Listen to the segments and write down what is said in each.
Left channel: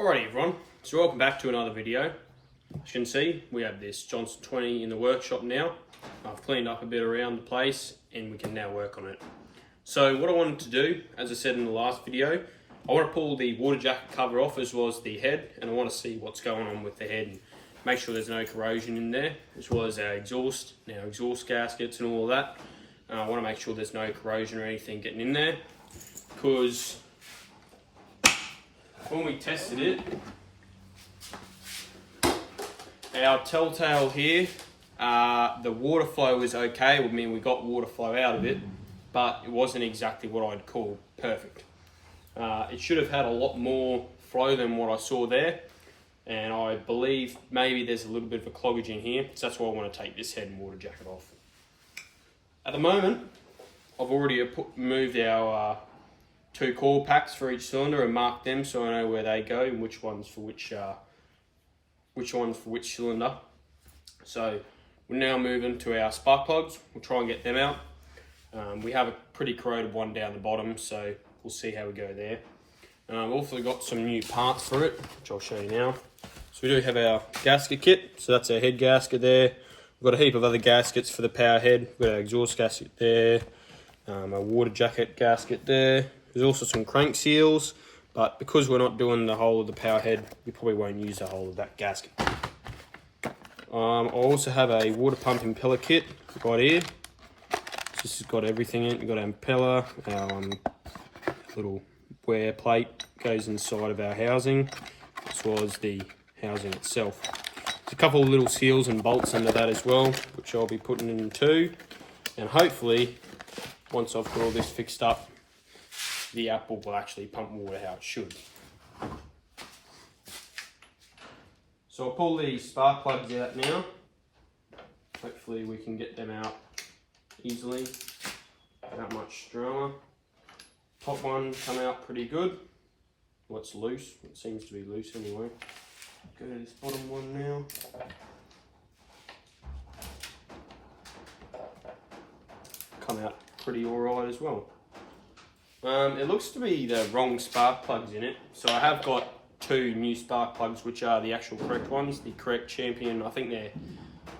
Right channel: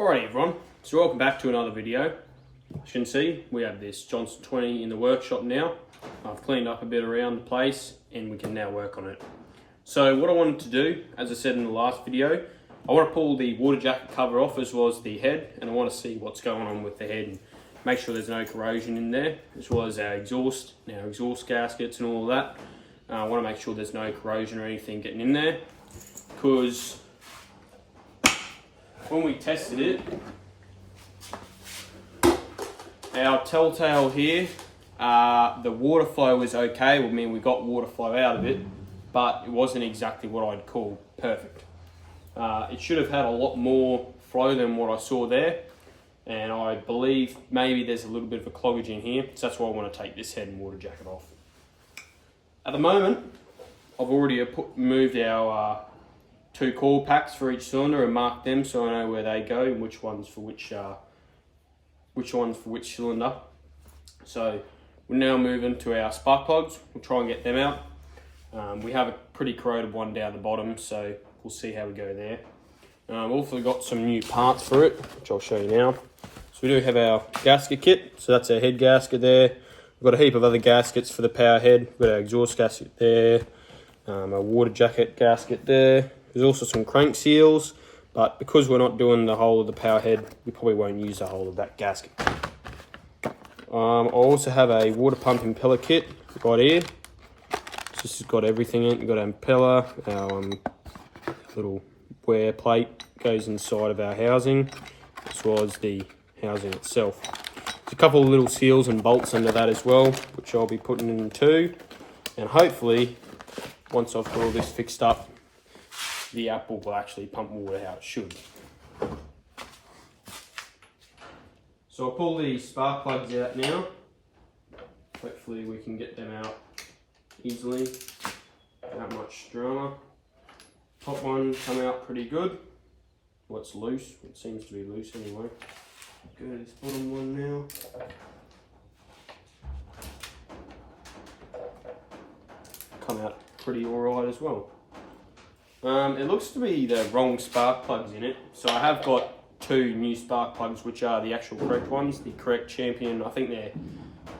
Alright everyone, so welcome back to another video. As you can see, we have this Johnson 20 in the workshop now. I've cleaned up a bit around the place and we can now work on it. So what I wanted to do, as I said in the last video, I want to pull the water jacket cover off as well as the head, and I want to see what's going on with the head and make sure there's no corrosion in there, as well as our exhaust gaskets and all of that. I want to make sure there's no corrosion or anything getting in there, because when we tested it, our telltale here, the water flow was okay. I mean, we got water flow out of it, but it wasn't exactly what I'd call perfect. It should have had a lot more flow than what I saw there, and I believe maybe there's a little bit of a cloggage in here, so that's why I want to take this head and water jacket off. At the moment, I've already moved our two coil packs for each cylinder and marked them so I know where they go and which ones for which cylinder. So we're now moving to our spark plugs. We'll try and get them out. We have a pretty corroded one down the bottom, so we'll see how we go there. I've also got some new parts for it, which I'll show you now. So we do have our gasket kit, so that's our head gasket there. We've got a heap of other gaskets for the power head. We've got our exhaust gasket there, our water jacket gasket there. There's also some crank seals, but because we're not doing the whole of the power head, we probably won't use the whole of that gasket. I also have a water pump impeller kit right here. This has got everything in it. We've got our impeller, our little wear plate goes inside of our housing, as well as the housing itself. There's a couple of little seals and bolts under that as well, which I'll be putting in too. And hopefully, once I've got all this fixed up, the outboard will actually pump water how it should. So I'll pull the spark plugs out now. Hopefully we can get them out easily, without much drama. Top one come out pretty good. Well, it's loose. It seems to be loose anyway. Go to this bottom one now. Come out pretty alright as well. It looks to be the wrong spark plugs in it. So I have got two new spark plugs, which are the actual correct ones, the correct Champion. I think they're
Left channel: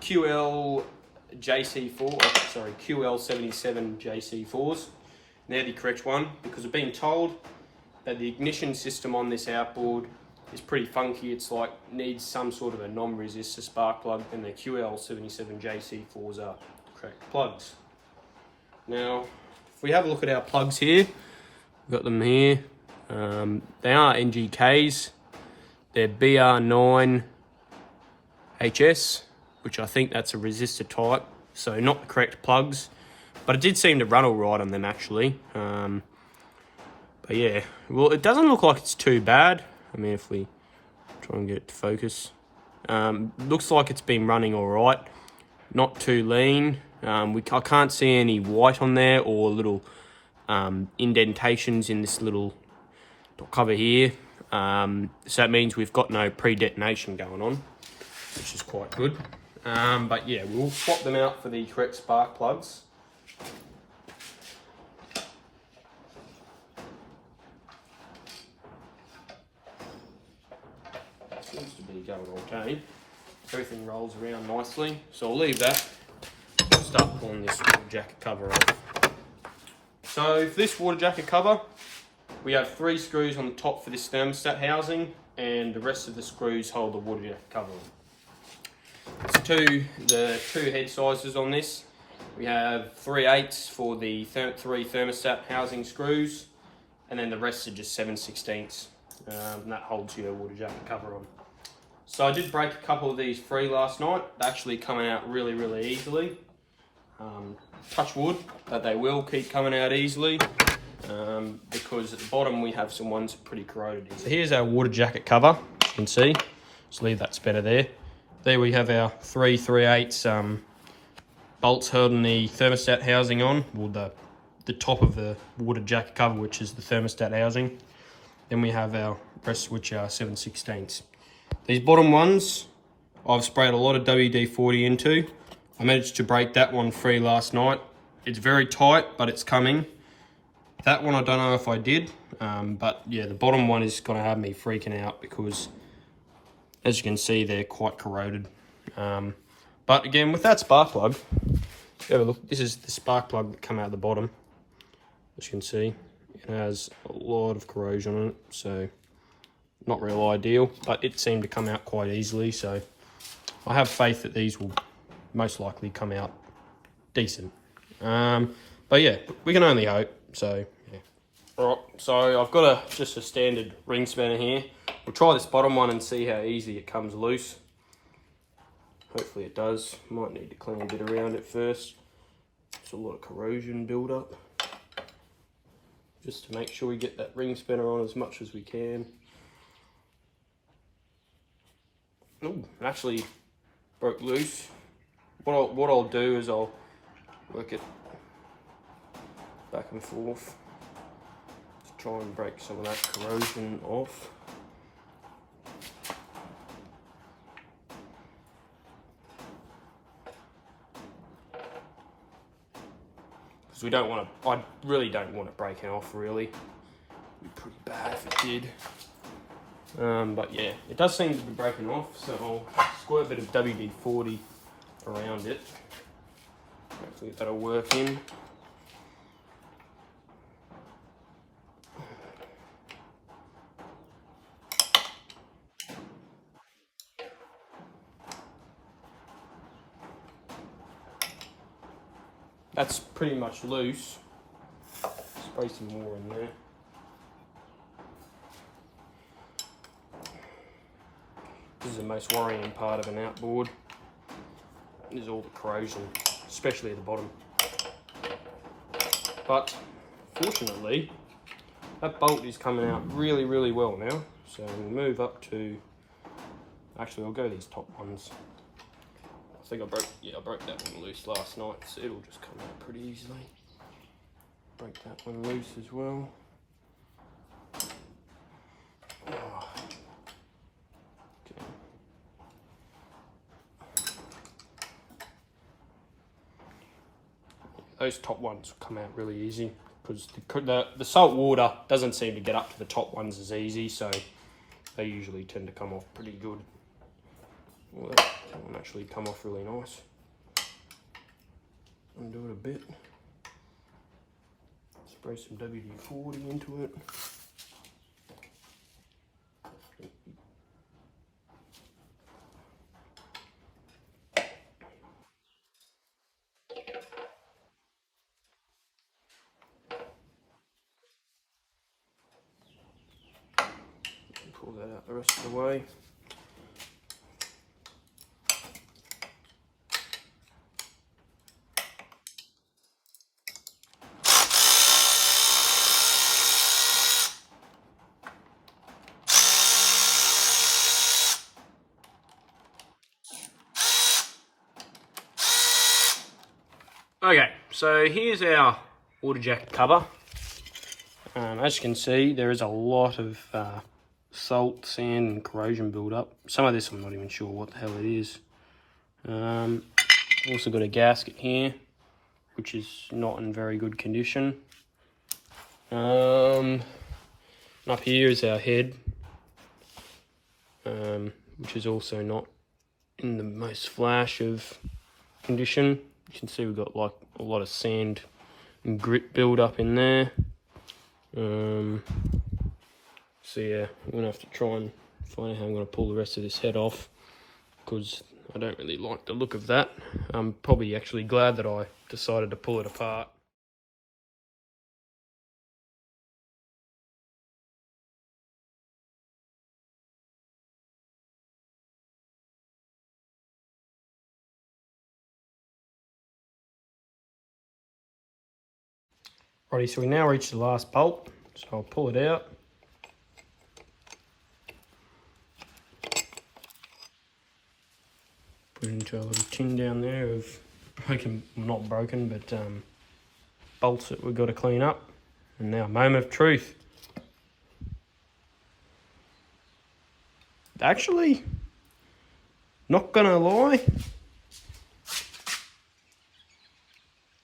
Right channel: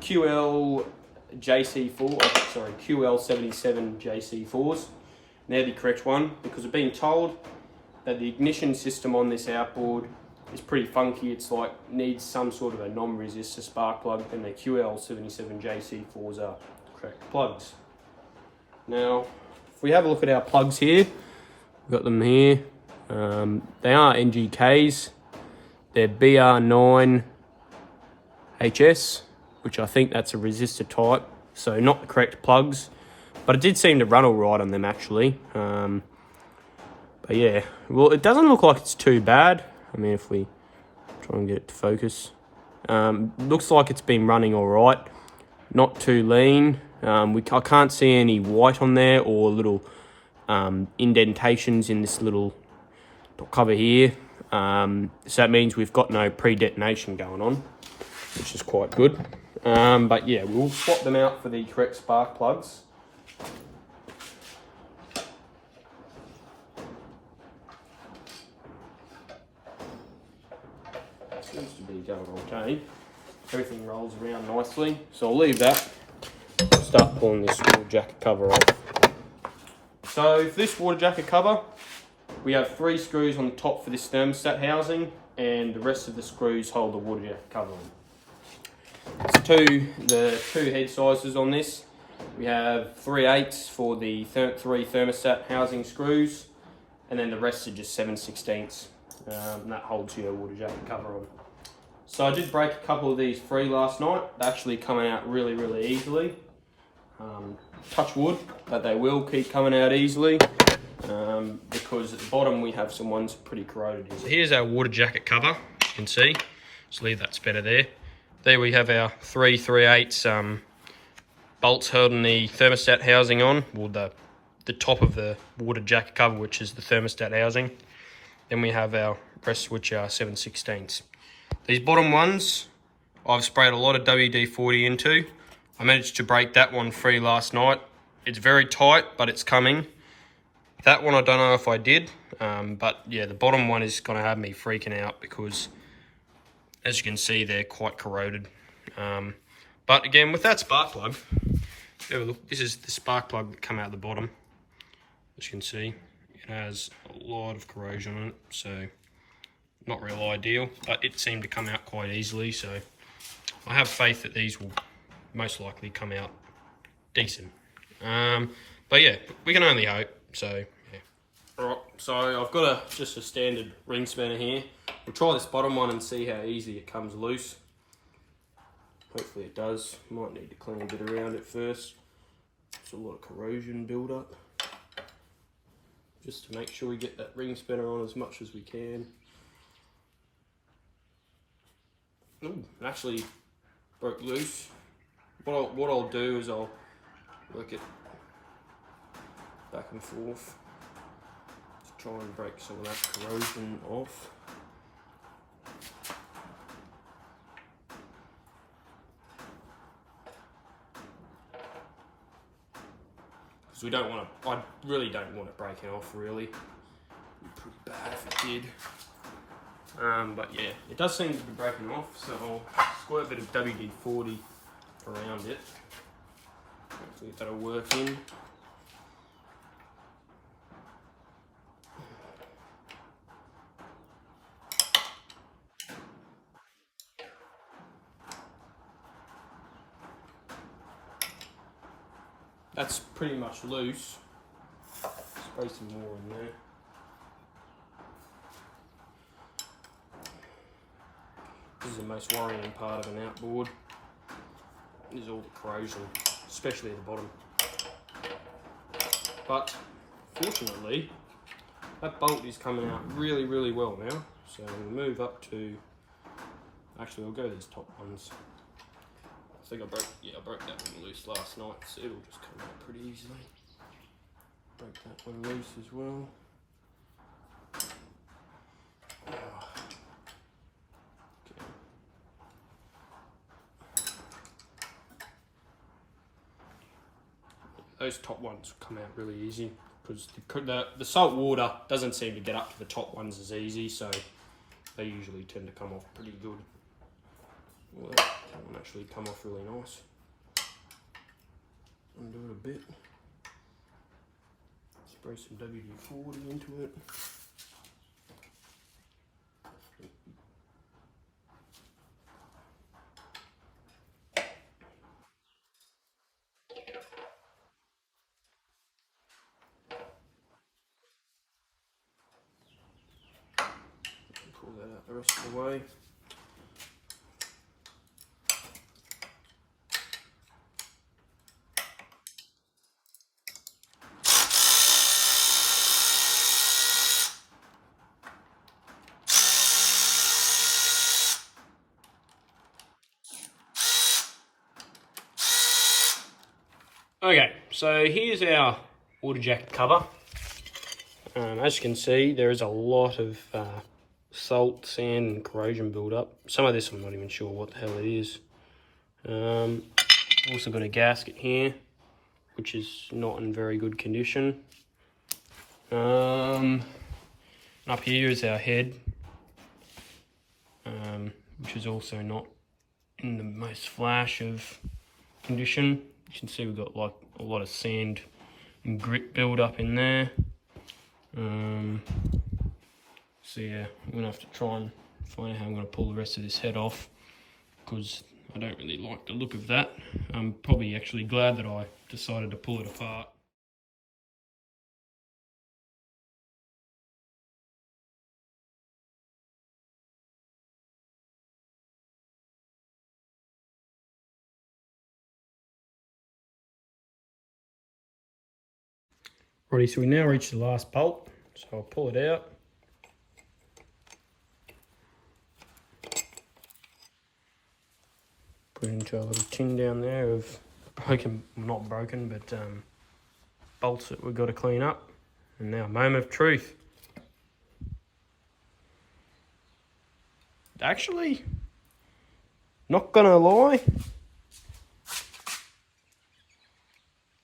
QL77 JC4s. They're the correct one, because I've been told that the ignition system on this outboard is pretty funky. It's like needs some sort of a non-resistor spark plug, and the QL77 JC4s are correct plugs. Now, if we have a look at our plugs here, we've got them here. They are NGKs. They're BR9HS, which I think that's a resistor type, so not the correct plugs. But it did seem to run all right on them actually. But yeah, well, it doesn't look like it's too bad. I mean, if we try and get it to focus, looks like it's been running all right. Not too lean. I can't see any white on there or little indentations in this little cover here. So that means we've got no pre-detonation going on, which is quite good. But yeah, we'll swap them out for the correct spark plugs. Seems to be going okay. Everything rolls around nicely, so I'll leave that. Start pulling this water jacket cover off. So for this water jacket cover, we have 3 screws on top for this thermostat housing, and the rest of the screws hold the water jacket cover on. So the two head sizes on this, we have 3/8 for the 3 thermostat housing screws, and then the rest are just 7/16, and that holds your water jacket cover on. So I did break a couple of these free last night. They're actually coming out really, really easily. Touch wood, but they will keep coming out easily, because at the bottom we have some ones pretty corroded. So here's our water jacket cover, you can see. Just leave that spanner there. There we have our 3 3/8 bolts holding the thermostat housing on, or the top of the water jacket cover, which is the thermostat housing. Then we have our rest, which are 7/16. These bottom ones, I've sprayed a lot of WD-40 into. I managed to break that one free last night. It's very tight, but it's coming. That one I don't know if I did, but yeah, the bottom one is going to have me freaking out because, as you can see, they're quite corroded. But again, with that spark plug, have a look. This is the spark plug that come out the bottom. As you can see, it has a lot of corrosion on it, so not real ideal, but it seemed to come out quite easily, so I have faith that these will most likely come out decent. But yeah, we can only hope. So yeah. Alright, so I've got just a standard ring spanner here. We'll try this bottom one and see how easy it comes loose. Hopefully it does. Might need to clean a bit around it first. There's a lot of corrosion build up. Just to make sure we get that ring spanner on as much as we can. Ooh, it actually broke loose. What I'll do is I'll work it back and forth to try and break some of that corrosion off. Because we don't want to, I really don't want it breaking off really. It'd be pretty bad if it did. But yeah, it does seem to be breaking off, so I'll squirt a bit of WD-40 around it. Hopefully that'll work in. That's pretty much loose. Spray some more in there. This is the most worrying part of an outboard, is all the corrosion, especially at the bottom. But fortunately, that bolt is coming out really, really well now. So we'll move up to, actually I'll go these top ones. I think I broke that one loose last night, so it'll just come out pretty easily. Break that one loose as well. Oh. Okay. Those top ones come out really easy because the salt water doesn't seem to get up to the top ones as easy, so they usually tend to come off pretty good. Well, that one actually come off really nice. Undo it a bit. Spray some WD-40 into it. Pull that out the rest of the way. Okay, so here's our water jacket cover. As you can see, there is a lot of salt, sand and corrosion build-up. Some of this I'm not even sure what the hell it is. Also got a gasket here, which is not in very good condition. And up here is our head, which is also not in the most flash of condition. You can see we've got like a lot of sand and grit build up in there. So yeah, I'm gonna have to try and find out how I'm gonna pull the rest of this head off, because I don't really like the look of that. I'm probably actually glad that I decided to pull it apart. Righty, so we now reach the last bolt, so I'll pull it out. Put it into a little tin down there of broken, not broken, but bolts that we've got to clean up. And now, moment of truth. Actually, not gonna lie,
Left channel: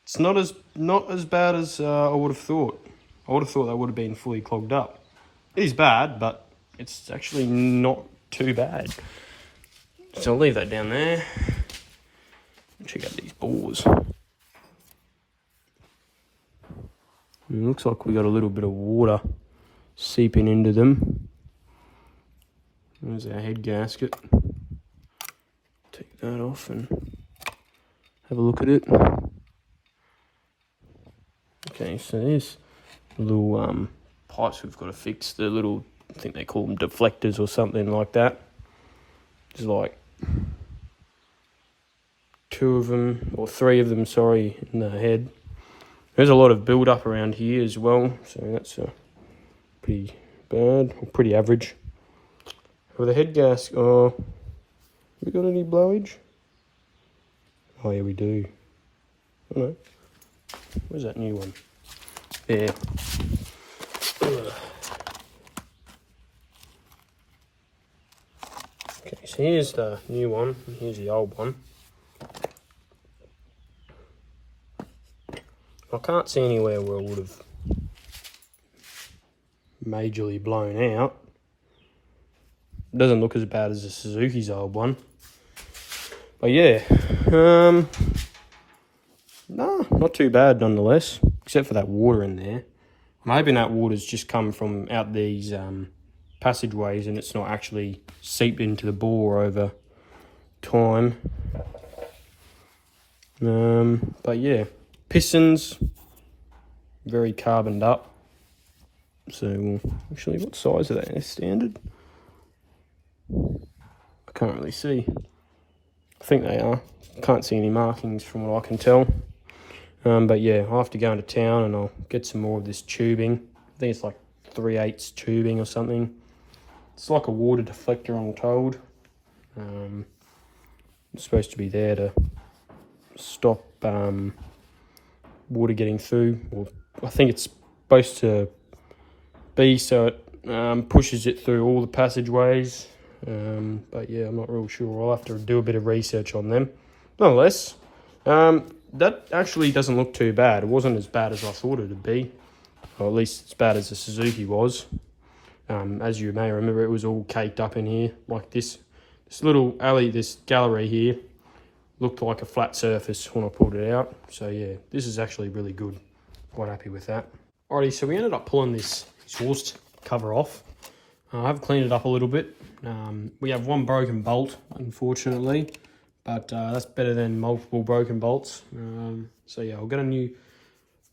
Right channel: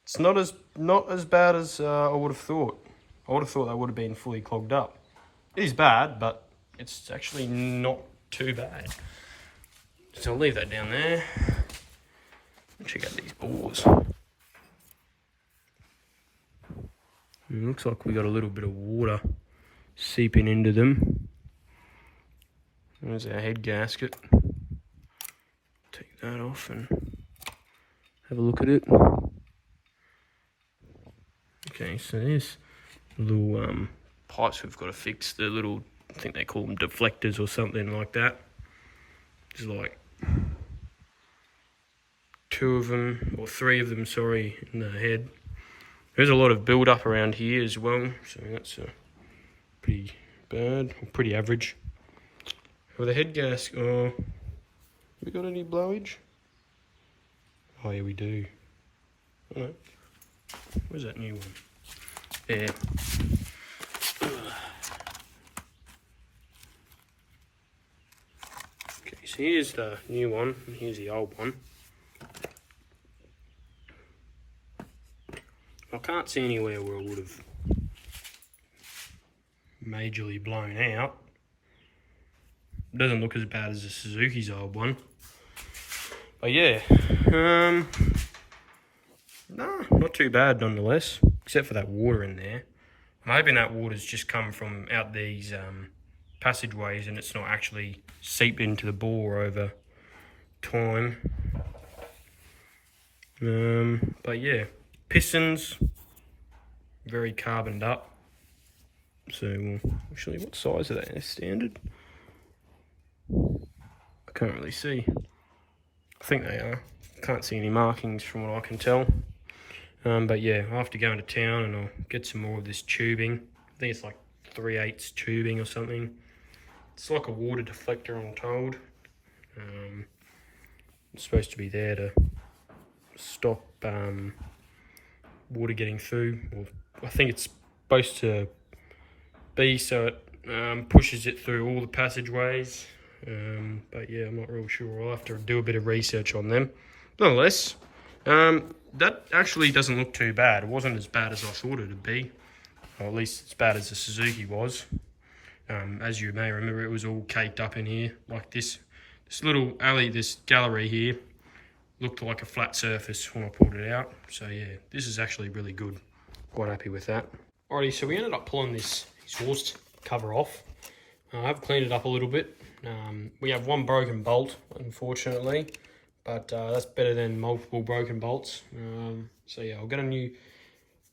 it's not as bad as I would have thought. I would have thought they would have been fully clogged up. It is bad, but it's actually not too bad. So I'll leave that down there. Check out these bores. It looks like we got a little bit of water seeping into them. There's our head gasket. Take that off and have a look at it. Okay, so there's little pipes we've got to fix. The little, I think they call them deflectors or something like that. There's like 2 of them, or 3 of them, sorry, in the head. There's a lot of build up around here as well, so that's pretty bad, or pretty average. With the head gasket, oh, we got any blowage? Oh yeah, we do. Oh no. Where's that new one? There. Okay, so here's the new one, and here's the old one. I can't see anywhere where it would have majorly blown out. It doesn't look as bad as the Suzuki's old one. But yeah, no, not too bad nonetheless, except for that water in there. I'm hoping that water's just come from out these passageways and it's not actually seeped into the bore over time. But yeah, pistons, very carboned up. So, actually, what size are they? They're standard? I can't really see. I think they are. Can't see any markings from what I can tell. But yeah, I'll have to go into town and I'll get some more of this tubing. I think it's like 3/8 tubing or something. It's like a water deflector, I'm told. It's supposed to be there to stop water getting through. Or I think it's supposed to be so it pushes it through all the passageways. But yeah, I'm not real sure. I'll have to do a bit of research on them. Nonetheless, that actually doesn't look too bad. It wasn't as bad as I thought it would be, or at least as bad as the Suzuki was. As you may remember, it was all caked up in here like this. This little alley, this gallery here, looked like a flat surface when I pulled it out. So yeah, this is actually really good. Quite happy with that. Alrighty, so we ended up pulling this exhaust cover off. I've cleaned it up a little bit. We have one broken bolt, unfortunately, but that's better than multiple broken bolts. So yeah, I'll get a new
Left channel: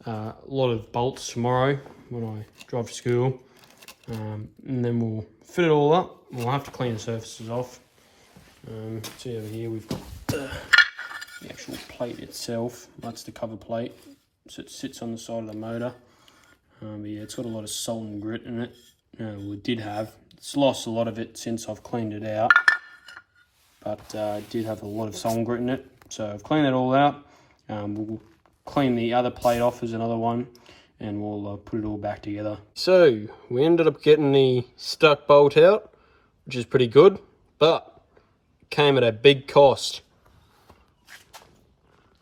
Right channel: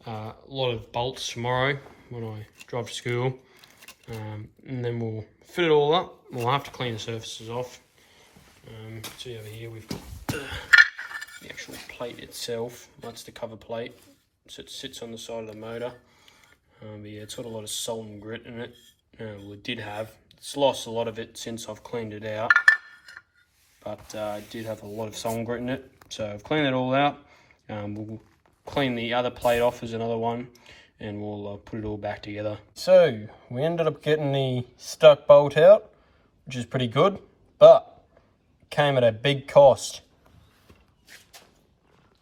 lot of bolts tomorrow when I drive to school, and then we'll fit it all up. We'll have to clean the surfaces off. See over here, we've got the actual plate itself. That's the cover plate, so it sits on the side of the motor. But yeah, it's got a lot of salt and grit in it. Well, it did have. It's lost a lot of it since I've cleaned it out, but it did have a lot of salt and grit in it. So I've cleaned it all out. We'll clean the other plate off as another one, and we'll put it all back together. So we ended up getting the stuck bolt out, which is pretty good, but it came at a big cost.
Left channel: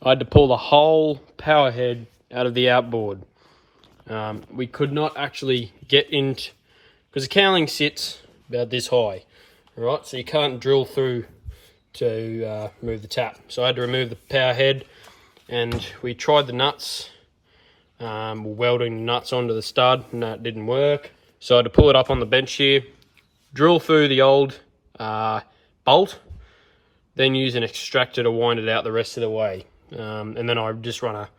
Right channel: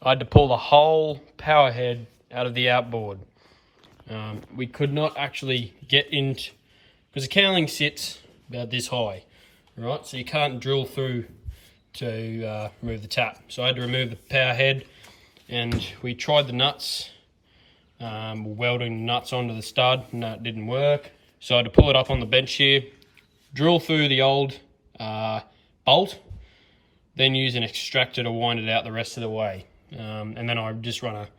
I had to pull the whole power head out of the outboard. We could not actually get into, because the cowling sits about this high, right? So you can't drill through to remove the tap. So I had to remove the power head, and we tried the nuts, welding the nuts onto the stud, and that didn't work. So I had to pull it up on the bench here, drill through the old bolt, then use an extractor to wind it out the rest of the way. And then I just run a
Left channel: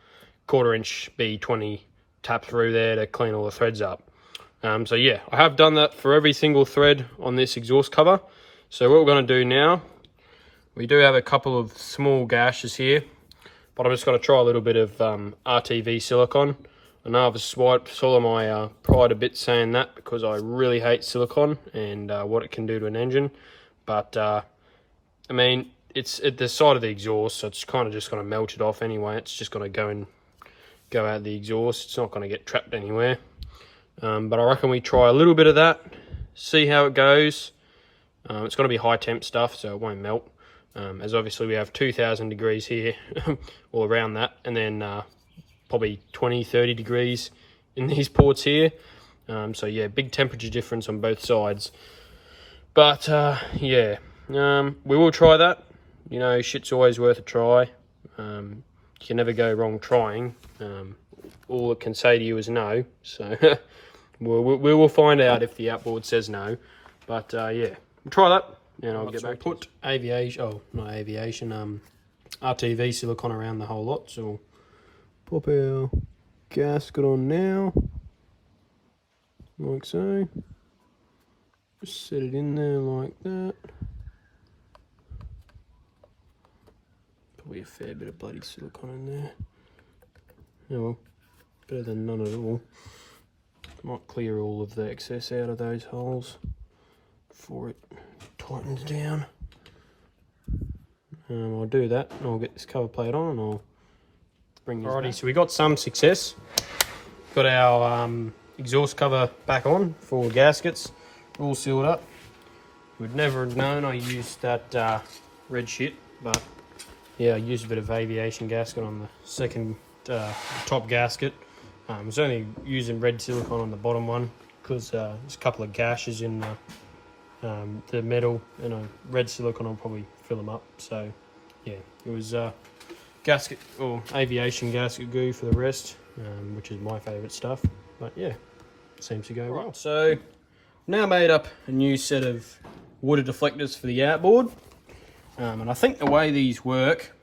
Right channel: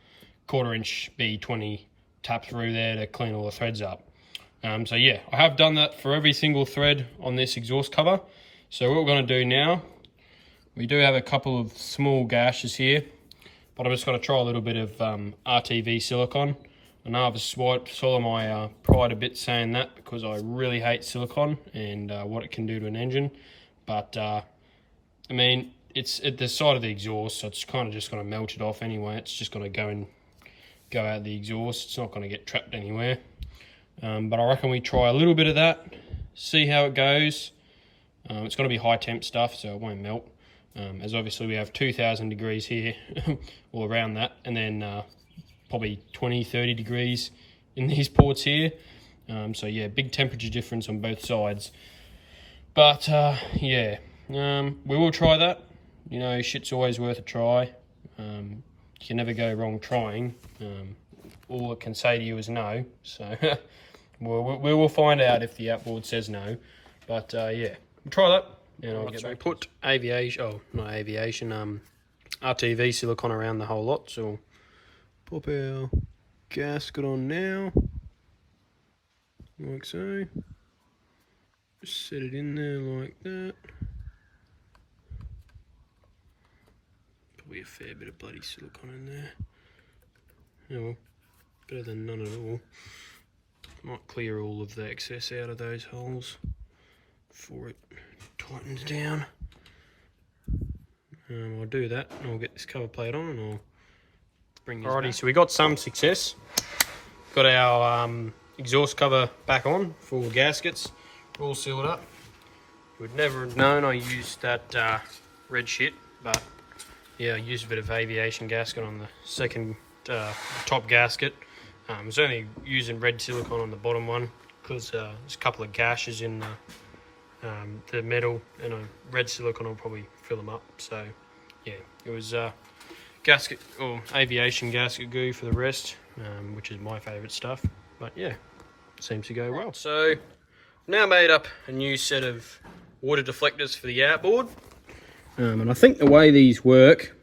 1/4 inch B20 tap through there to clean all the threads up. So yeah, I have done that for every single thread on this exhaust cover. So what we're going to do now, we do have a couple of small gashes here, but I'm just going to try a little bit of RTV silicone. I know I've swallowed my pride a bit saying that, because I really hate silicone and what it can do to an engine. But I mean, it's at the side of the exhaust, so it's kind of just going to melt it off anyway. It's just going to go out the exhaust. It's not going to get trapped anywhere. But I reckon we try a little bit of that, see how it goes. It's going to be high temp stuff, so it won't melt. As obviously we have 2000 degrees here, or around that, and then probably 20-30 degrees in these ports here. So yeah, big temperature difference on both sides. But yeah, we will try that. You know, shit's always worth a try. You can never go wrong trying. All it can say to you is no. So we will find out if the outboard says no. But yeah, we'll try that. And I'll get back. Put aviation, not aviation, RTV silicone around the whole lot. So pop our gasket on now, like so. Just set it in there like that. Probably a fair bit of bloody silicone in there. Oh well, better than none at all. Might clear all of the excess out of those holes before it tightens down. I'll do that and I'll get this cover plate on and I'll bring this back. So we got some success. Got our exhaust cover back on for gaskets, all sealed up. You would never have known I used that red shit, but yeah, I used a bit of aviation gasket on the second top gasket. I was only using red silicone on the bottom one because there's a couple of gashes in the metal, and a red silicone will probably fill them up. So yeah, it was gasket or aviation gasket glue for the rest, which is my favourite stuff. But yeah, seems to go well. So now made up a new set of water deflectors for the outboard, and I think the way these work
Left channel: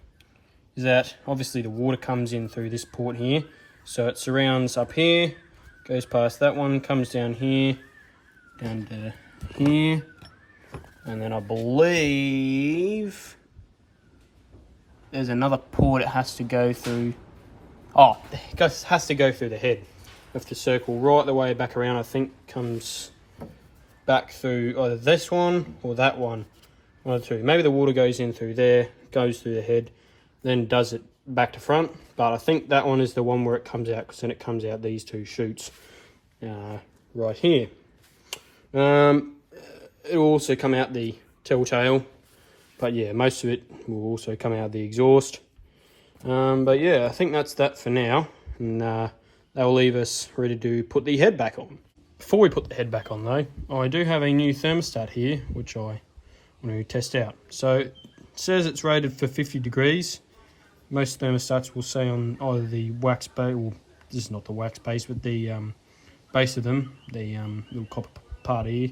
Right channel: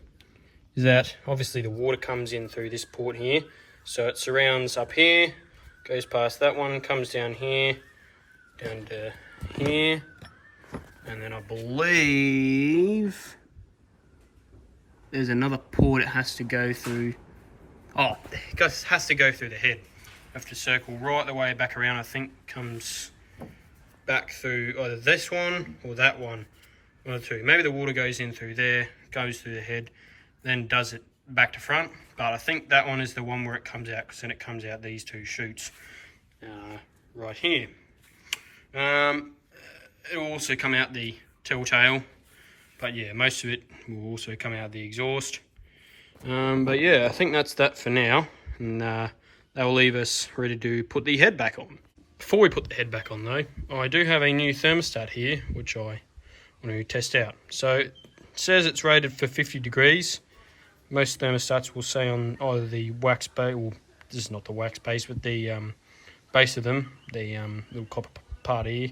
is that obviously the water comes in through this port here, so it surrounds up here, goes past that one, comes down here, down to here, and then I believe there's another port it has to go through. Oh, it has to go through the head. You have to circle right the way back around. I think comes back through either this one or that one. One or two. Maybe the water goes in through there, goes through the head, then does it back to front. But I think that one is the one where it comes out, because then it comes out these two chutes right here. It will also come out the telltale, but yeah, most of it will also come out the exhaust. But yeah, I think that's that for now, and that will leave us ready to put the head back on. Before we put the head back on though, I do have a new thermostat here, which I want to test out. So it says it's rated for 50 degrees. Most thermostats will say on either the wax base, or this is not the wax base, but the base of them, the little copper part here,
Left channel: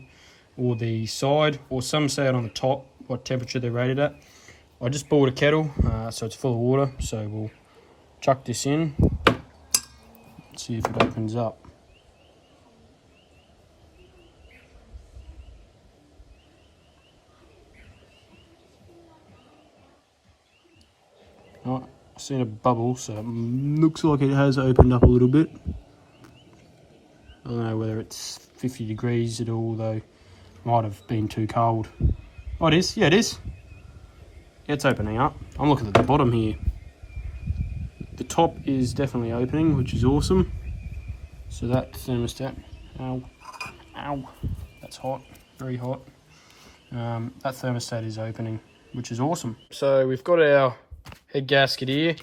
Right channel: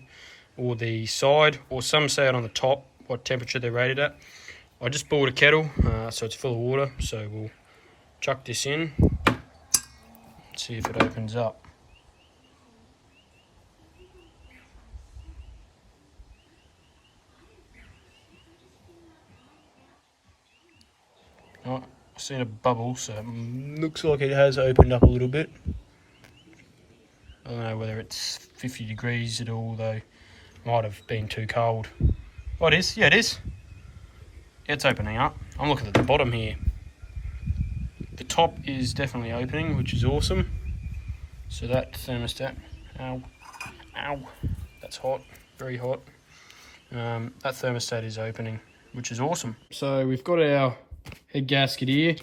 or the side, or some say it on the top, what temperature they're rated at. I just bought a kettle, so it's full of water, so we'll chuck this in, see if it opens up. Oh, I've seen a bubble, so it looks like it has opened up a little bit. I don't know whether it's 50 degrees at all, though. Might have been too cold. Oh, it is. Yeah, it is. It's opening up. I'm looking at the bottom here. The top is definitely opening, which is awesome. So that thermostat, ow, that's hot, very hot. That thermostat is opening, which is awesome. So we've got our head gasket here,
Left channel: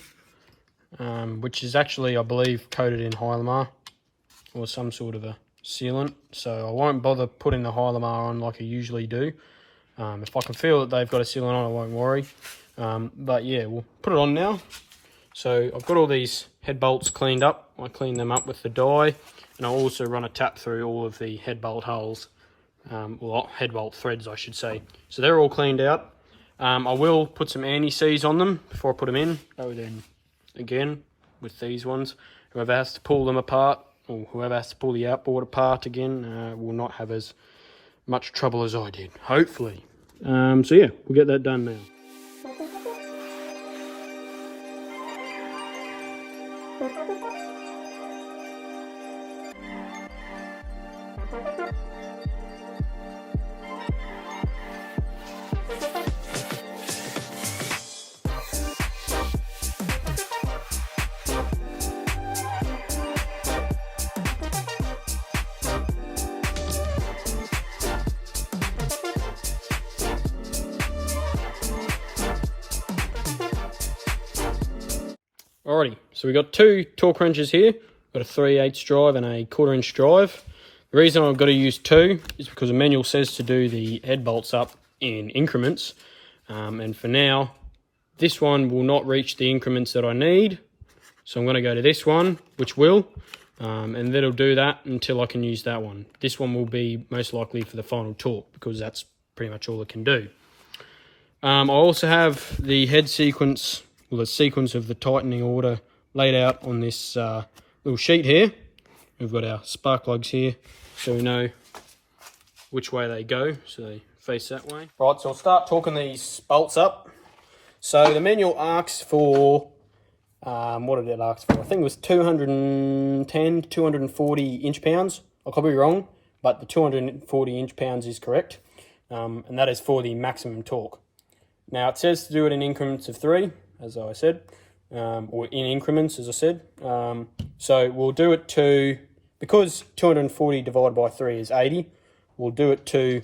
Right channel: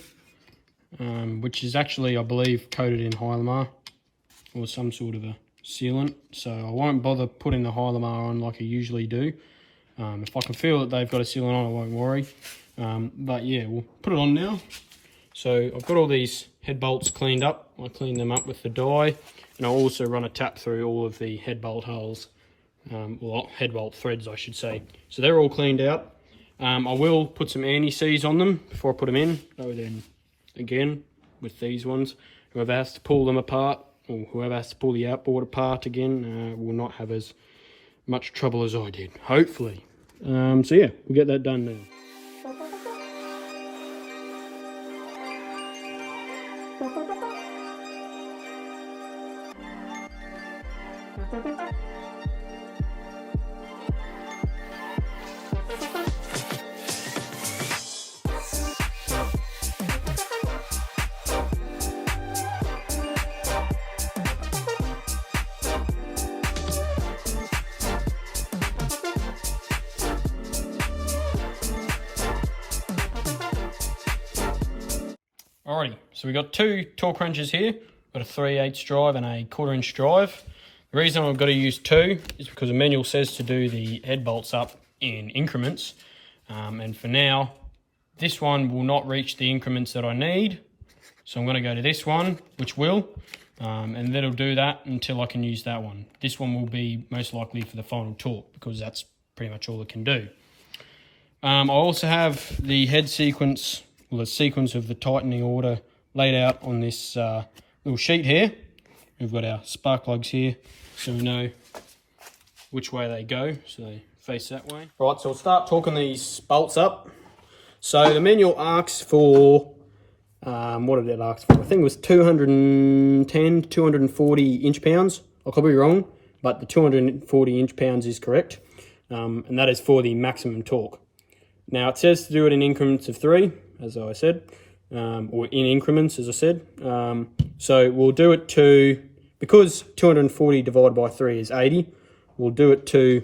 which is actually, I believe, coated in Hylamar or some sort of a sealant. So I won't bother putting the Hylamar on like I usually do. If I can feel that they've got a sealant on, I won't worry. But yeah, we'll put it on now. So I've got all these head bolts cleaned up. I cleaned them up with the dye, and I'll also run a tap through all of the head bolt holes, well, head bolt threads, I should say. So they're all cleaned out. I will put some anti-seize on them before I put them in. Oh, then again with these ones, whoever has to pull them apart, or whoever has to pull the outboard apart again, will not have as much trouble as I did, hopefully. So yeah, we'll get that done now. Alrighty, so we got two torque wrenches here. got a 3/8 drive and a 1/4 inch drive. The reason I've got to use 2 is because the manual says to do the head bolts up in increments. And for now, this one will not reach the increments that I need. So I'm going to go to this one, which will, and that'll do that until I can use that one. This one will be most likely for the final torque because that's pretty much all it can do. I also have the head sequence, well, the sequence of the tightening order laid out on this little sheet here. We've got our spark plugs here, so we know which way they go, so they face that way. Right, so I'll start torquing these bolts up. So the manual asks for, what did it ask for? I think it was 210 to 240 inch-pounds. I could be wrong, but the 240 inch-pounds is correct, and that is for the maximum torque. Now it says to do it in increments of 3, as I said, or in increments, as I said. So we'll do it to, because 240 divided by 3 is 80, we'll do it to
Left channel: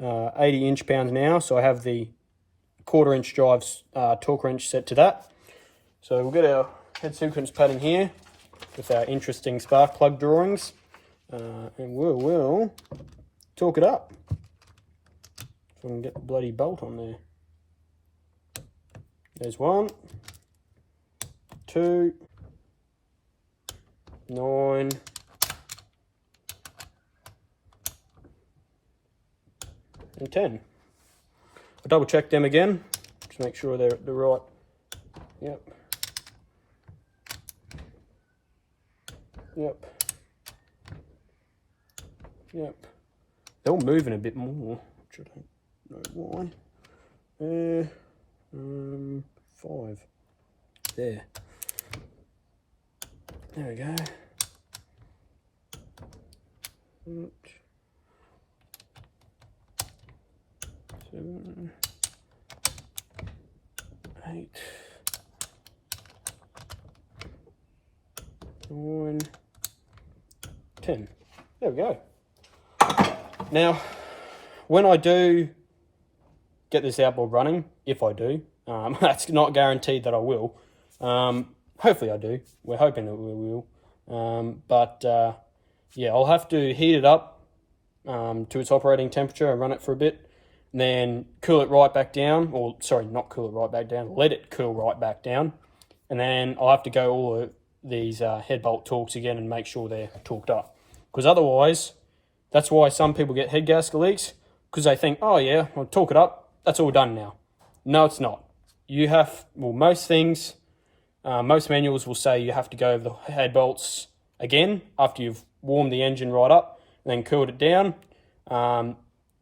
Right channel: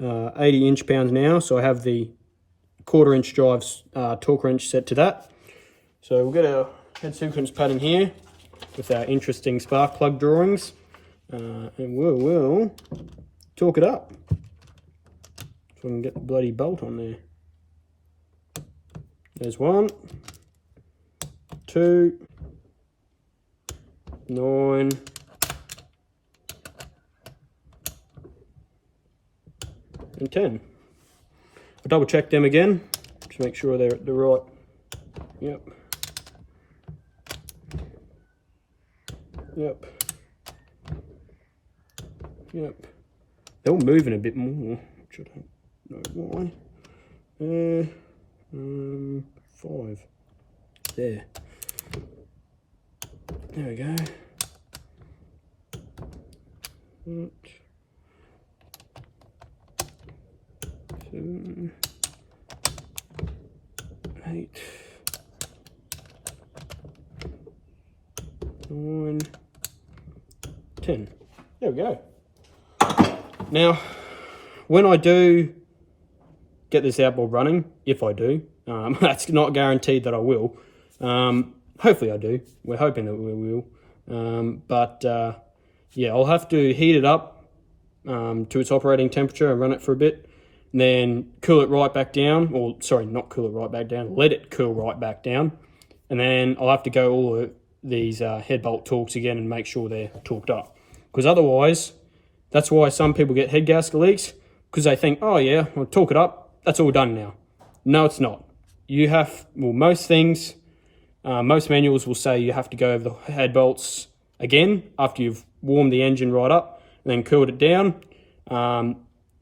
80 inch-pounds now. So I have the 1/4 inch drive's torque wrench set to that. So we'll get our head sequence pattern here with our interesting spark plug drawings, and we'll torque it up so we can get the bloody bolt on there. There's 1, 2, 9, and 10. I'll double check them again to make sure they're the right. Yep. Yep. Yep. They're all moving a bit more, which I don't know why. 5. There. There we go. 7, 8, 9, 10. There we go. Now, when I do get this outboard running, if I do, that's not guaranteed that I will. Hopefully I do. We're hoping that we will. Yeah, I'll have to heat it up to its operating temperature and run it for a bit, and then cool it right back down, or sorry, not cool it right back down, let it cool right back down, and then I'll have to go all of these head bolt torques again and make sure they're torqued up, because otherwise, that's why some people get head gasket leaks, because they think, oh yeah, I'll torque it up, that's all done now. No, it's not. You have, well, most things, most manuals will say you have to go over the head bolts again after you've warmed the engine right up and then cooled it down,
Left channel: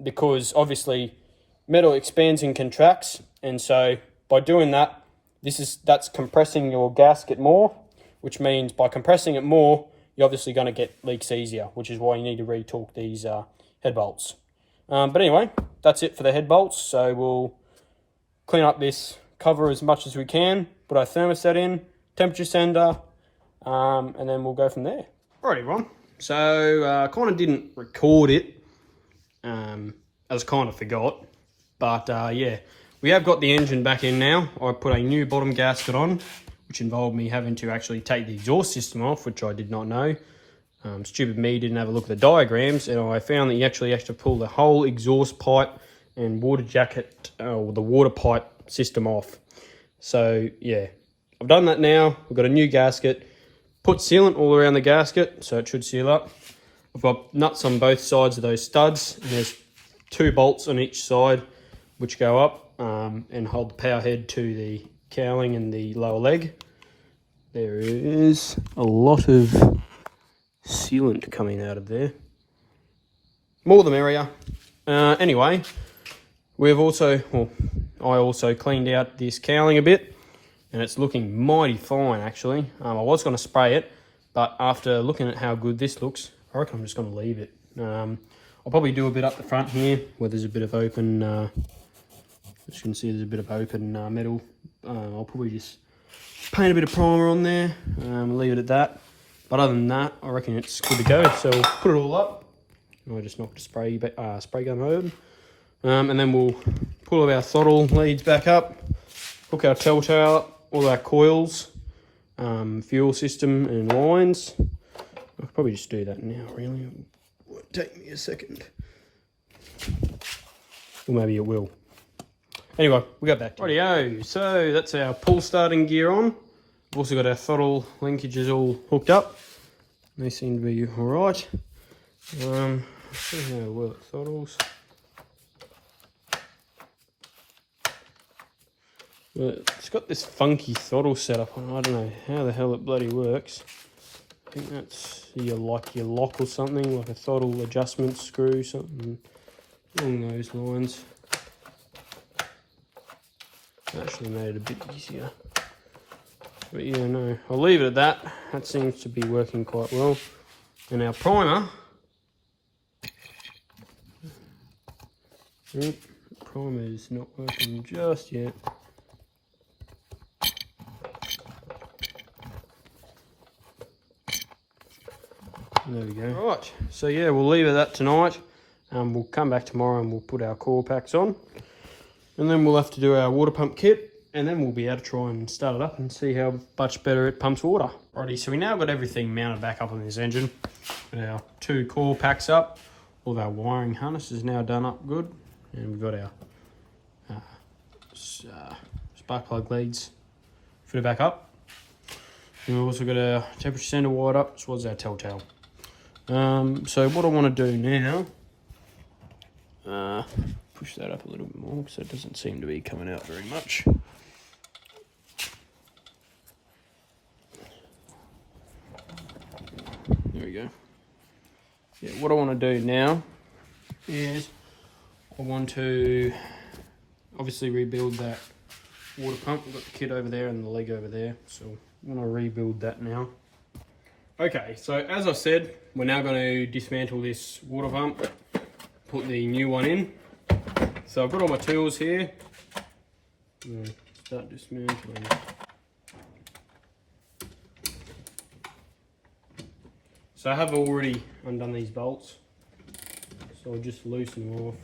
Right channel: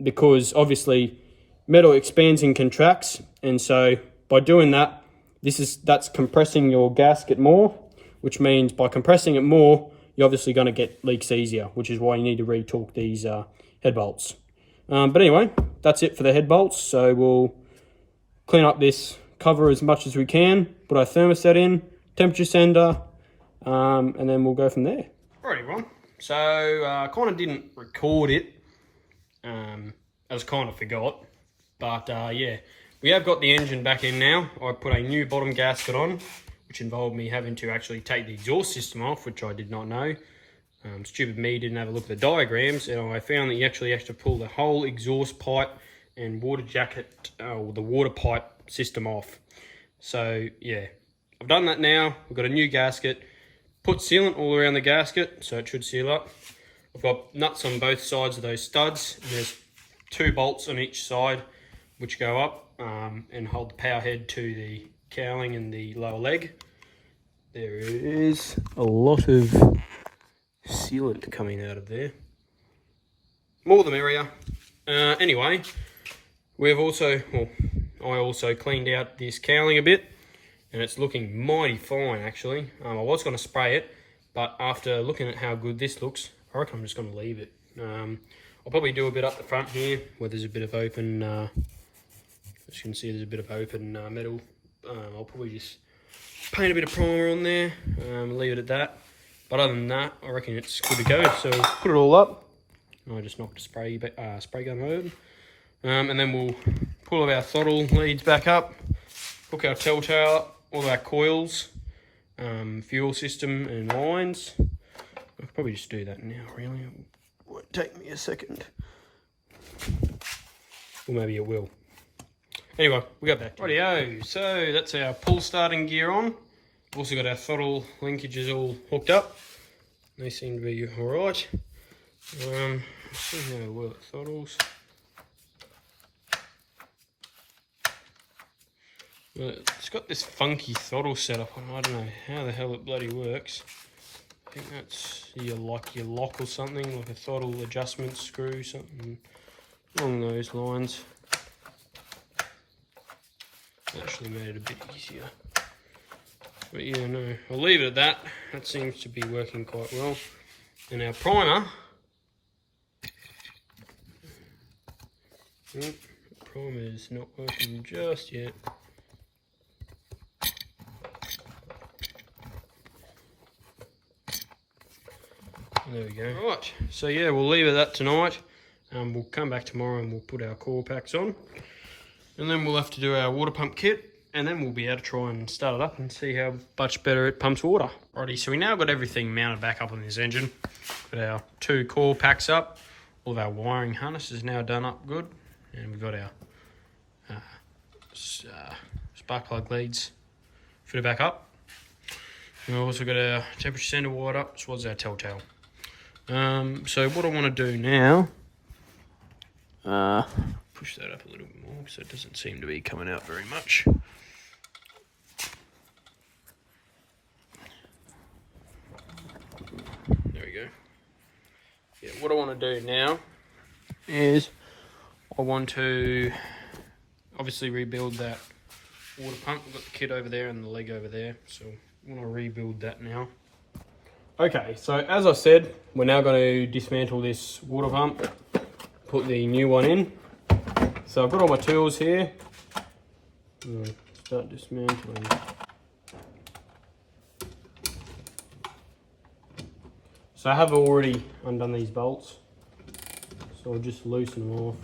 because obviously metal expands and contracts, and so by doing that, that's compressing your gasket more, which means by compressing it more, you're obviously going to get leaks easier, which is why you need to re-torque these head bolts. But anyway, that's it for the head bolts. So we'll clean up this cover as much as we can, put our thermostat in, temperature sender, and then we'll go from there. Alright everyone, so I kind of didn't record it, as kind of forgot, but yeah, we have got the engine back in now. I put a new bottom gasket on, which involved me having to actually take the exhaust system off, which I did not know. Stupid me didn't have a look at the diagrams, and I found that you actually have to pull the whole exhaust pipe and water jacket, or the water pipe system off. So yeah, I've done that now. We've got a new gasket, put sealant all around the gasket, so it should seal up. I've got nuts on both sides of those studs, and there's 2 bolts on each side which go up and hold the power head to the cowling and the lower leg. There is a lot of sealant coming out of there. More the merrier. Anyway, we've also, well, I also cleaned out this cowling a bit, and it's looking mighty fine actually. I was going to spray it, but after looking at how good this looks, I reckon I'm just going to leave it. I'll probably do a bit up the front here where there's a bit of open, as you can see there's a bit of open metal. I'll probably just paint a bit of primer on there, leave it at that. But other than that, I reckon it's good to go. So we'll put it all up. I just knocked a spray gun over. And then we'll pull our throttle leads back up, hook our telltale up, all our coils, fuel system and lines. I could probably just do that now, really. It won't take me a second. Or maybe it will. Anyway, we got back to rightio. So that's our pull starting gear on. We've also got our throttle linkages all hooked up. They seem to be alright. Let's see how it works. Throttles. Well, it's got this funky throttle setup on. I don't know how the hell it bloody works. I think that's your lock or something, like a throttle adjustment screw, something along those lines. Actually made it a bit easier. But yeah, no, I'll leave it at that. That seems to be working quite well. And our primer, yep, primer is not working just yet. There we go. Right, so yeah, we'll leave it at that tonight. We'll come back tomorrow and we'll put our core packs on. And then we'll have to do our water pump kit. And then we'll be able to try and start it up and see how much better it pumps water. Righty, so we now got everything mounted back up on this engine. Got our 2 core packs up. All of our wiring harness is now done up good. And we've got our spark plug leads fitted back up. And we've also got our temperature sender wired up, as well as our telltale. So what I want to do now, push that up a little bit more because it doesn't seem to be coming out very much. There we go. Yeah, what I want to do now is I want to obviously rebuild that water pump. We've got the kit over there and the leg over there, so I want to rebuild that now. Okay, so as I said, we're now going to dismantle this water pump, put the new one in. So I've got all my tools here. Start dismantling. So I have already undone these bolts, so I'll just loosen them off.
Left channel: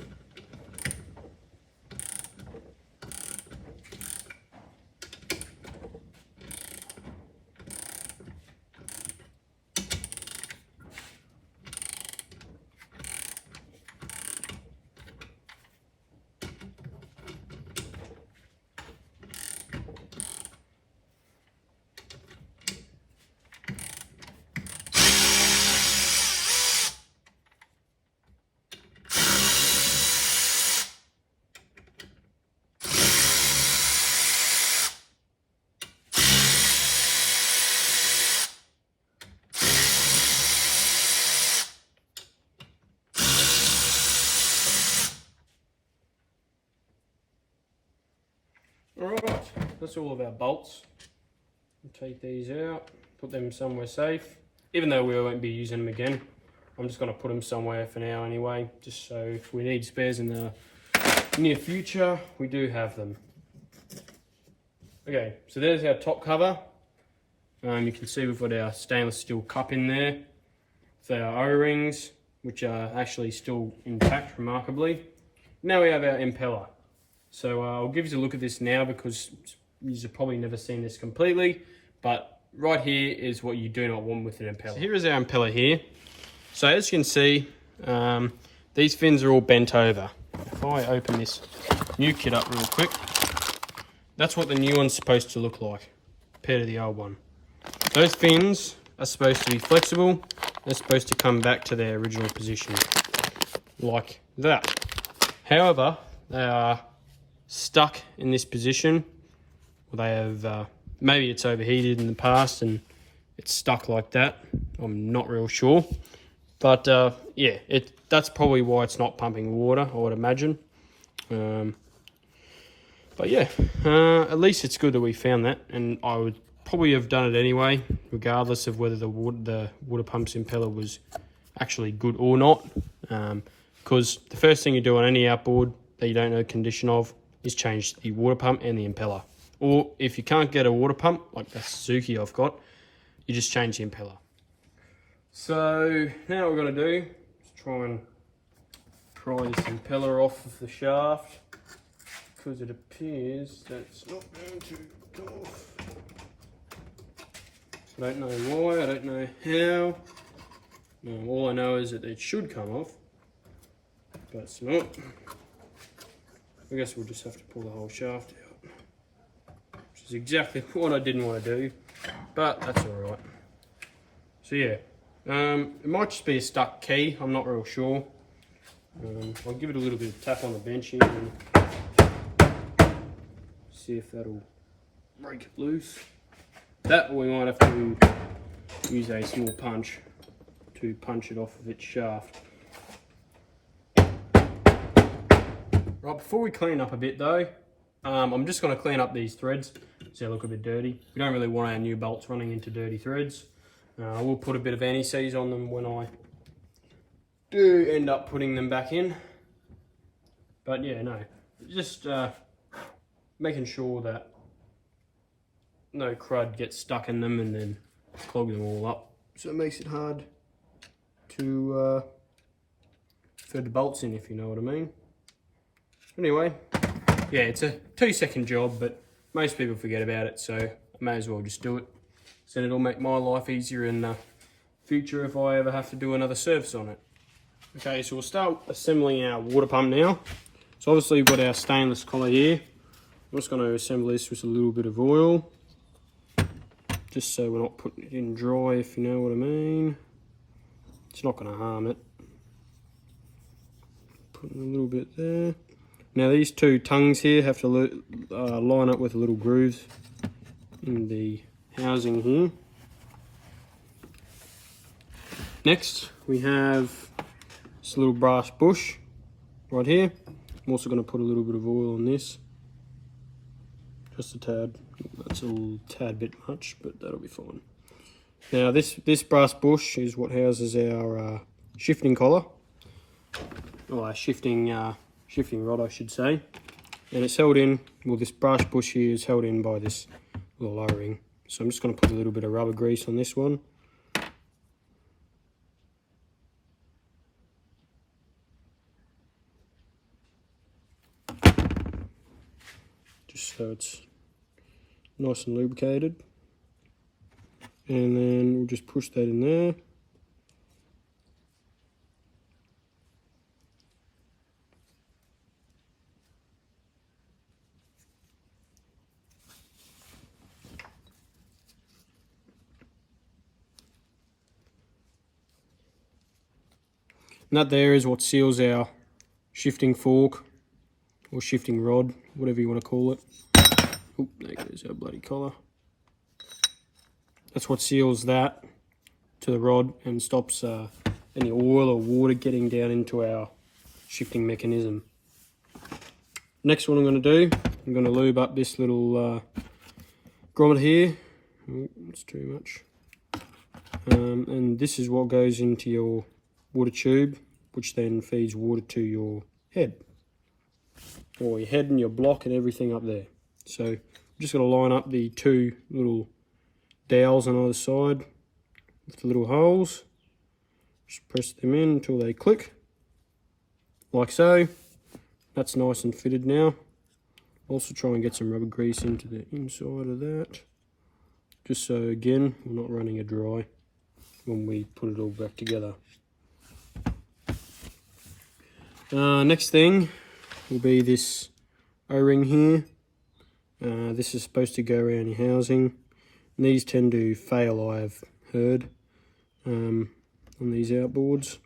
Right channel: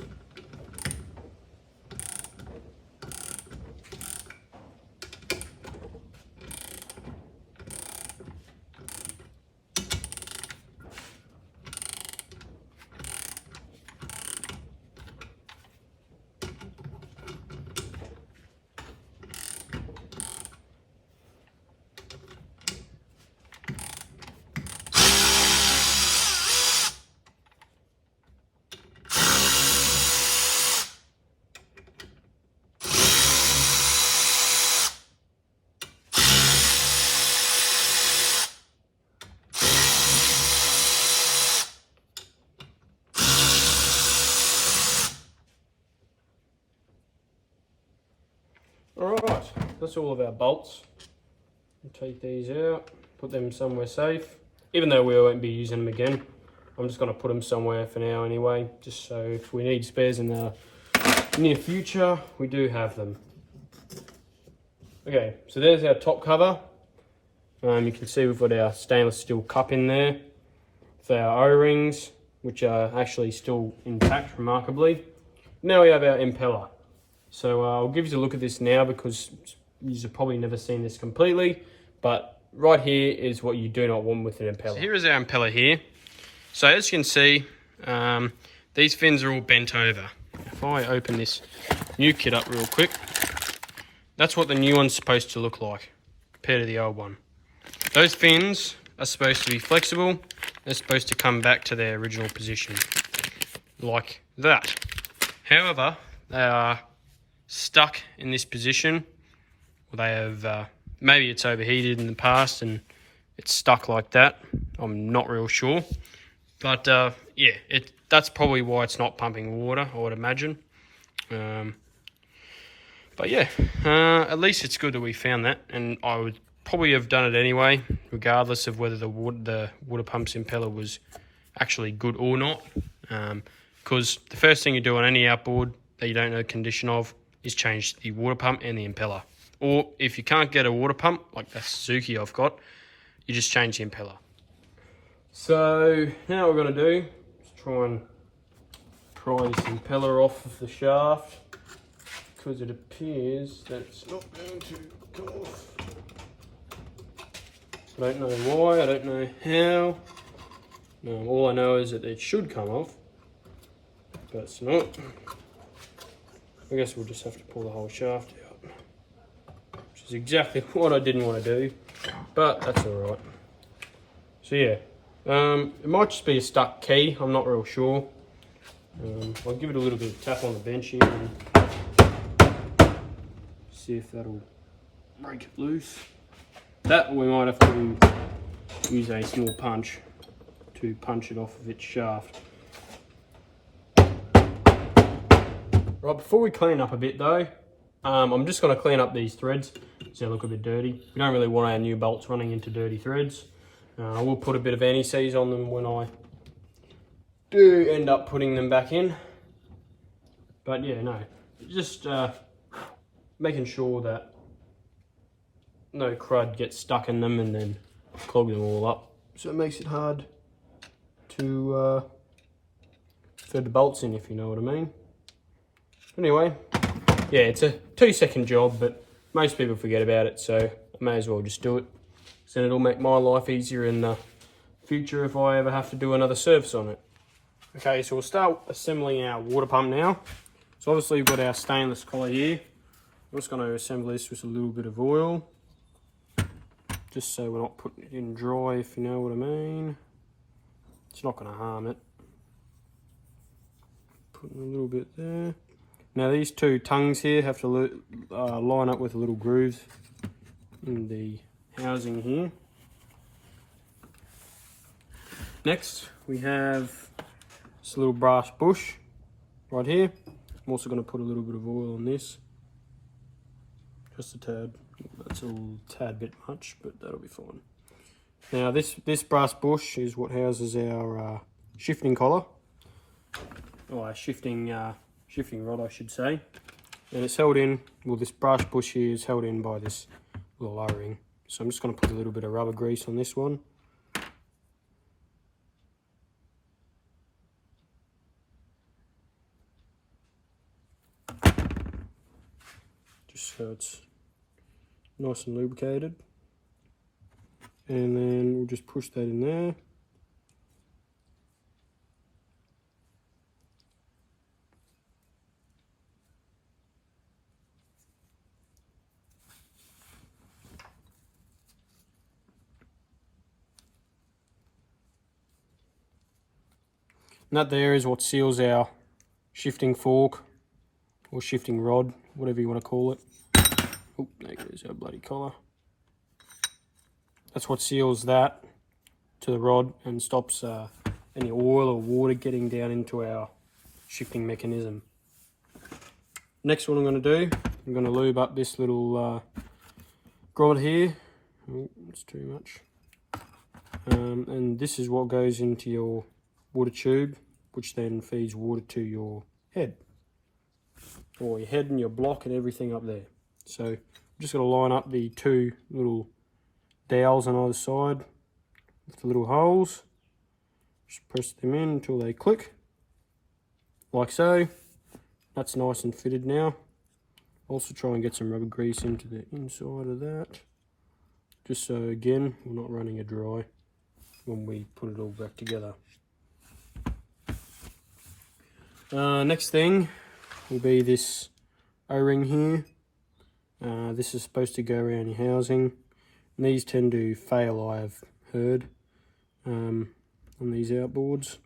Alright, that's all of our bolts. I'll take these out, put them somewhere safe. Even though we won't be using them again, I'm just going to put them somewhere for now anyway, just so if we need spares in the near future, we do have them. Okay, so there's our top cover. You can see we've got our stainless steel cup in there. So our O-rings, which are actually still intact, remarkably. Now we have our impeller. So I'll give you a look at this now because you've probably never seen this completely, but right here is what you do not want with an impeller. So here is our impeller here. So as you can see, these fins are all bent over. If I open this new kit up real quick, that's what the new one's supposed to look like compared to the old one. Those fins are supposed to be flexible. They're supposed to come back to their original position, like that. However, they are stuck in this position. They have, maybe it's overheated in the past and it's stuck like that. I'm not real sure. But yeah, that's probably why it's not pumping water, I would imagine. But yeah, at least it's good that we found that, and I would probably have done it anyway, regardless of whether the water pump's impeller was actually good or not. Because the first thing you do on any outboard that you don't know the condition of is change the water pump and the impeller. Or if you can't get a water pump, like the Suzuki I've got, you just change the impeller. So now what we're going to do is try and pry this impeller off of the shaft, because it appears that it's not going to come off. I don't know why, I don't know how. No, all I know is that it should come off, but it's not. I guess we'll just have to pull the whole shaft out, which is exactly what I didn't want to do, but that's alright. So yeah, it might just be a stuck key, I'm not real sure. I'll give it a little bit of tap on the bench here and see if that'll break it loose. That we might have to use a small punch to punch it off of its shaft. Right, before we clean up a bit though, I'm just going to clean up these threads so they look a bit dirty. We don't really want our new bolts running into dirty threads. I will put a bit of anti-seize on them when I do end up putting them back in. But yeah, no, just making sure that no crud gets stuck in them and then clog them all up. So it makes it hard to thread the bolts in, if you know what I mean. Anyway, yeah, it's a 2-second job, but most people forget about it, so I may as well just do it. So it'll make my life easier in the future if I ever have to do another service on it. Okay, so we'll start assembling our water pump now. So obviously we've got our stainless collar here. I'm just going to assemble this with a little bit of oil, just so we're not putting it in dry, if you know what I mean. It's not going to harm it. Putting a little bit there. Now these two tongues here have to line up with the little grooves in the housing here. Next we have this little brass bush right here. I'm also going to put a little bit of oil on this. Just a tad. That's a little tad bit much, but that'll be fine. Now this brass bush is what houses our shifting collar. Or shifting rod, I should say. And it's held in, well, this brass bush here is held in by this little O-ring. So I'm just going to put a little bit of rubber grease on this one. Just so it's nice and lubricated. And then we'll just push that in there. And that there is what seals our shifting fork or shifting rod, whatever you want to call it. Oh, there goes our bloody collar. That's what seals that to the rod and stops any oil or water getting down into our shifting mechanism. Next, what I'm going to do, I'm going to lube up this little grommet here. Oh, it's too much. And this is what goes into your water tube, which then feeds water to your head, or your head and your block and everything up there. So I'm just going to line up the two little dowels on either side with the little holes. Just press them in until they click, like so. That's nice and fitted now. Also try and get some rubber grease into the inside of that, just so again we're not running it dry when we put it all back together. Next thing will be this O-ring here. This is supposed to go around your housing. And these tend to fail, I have heard, on these outboards.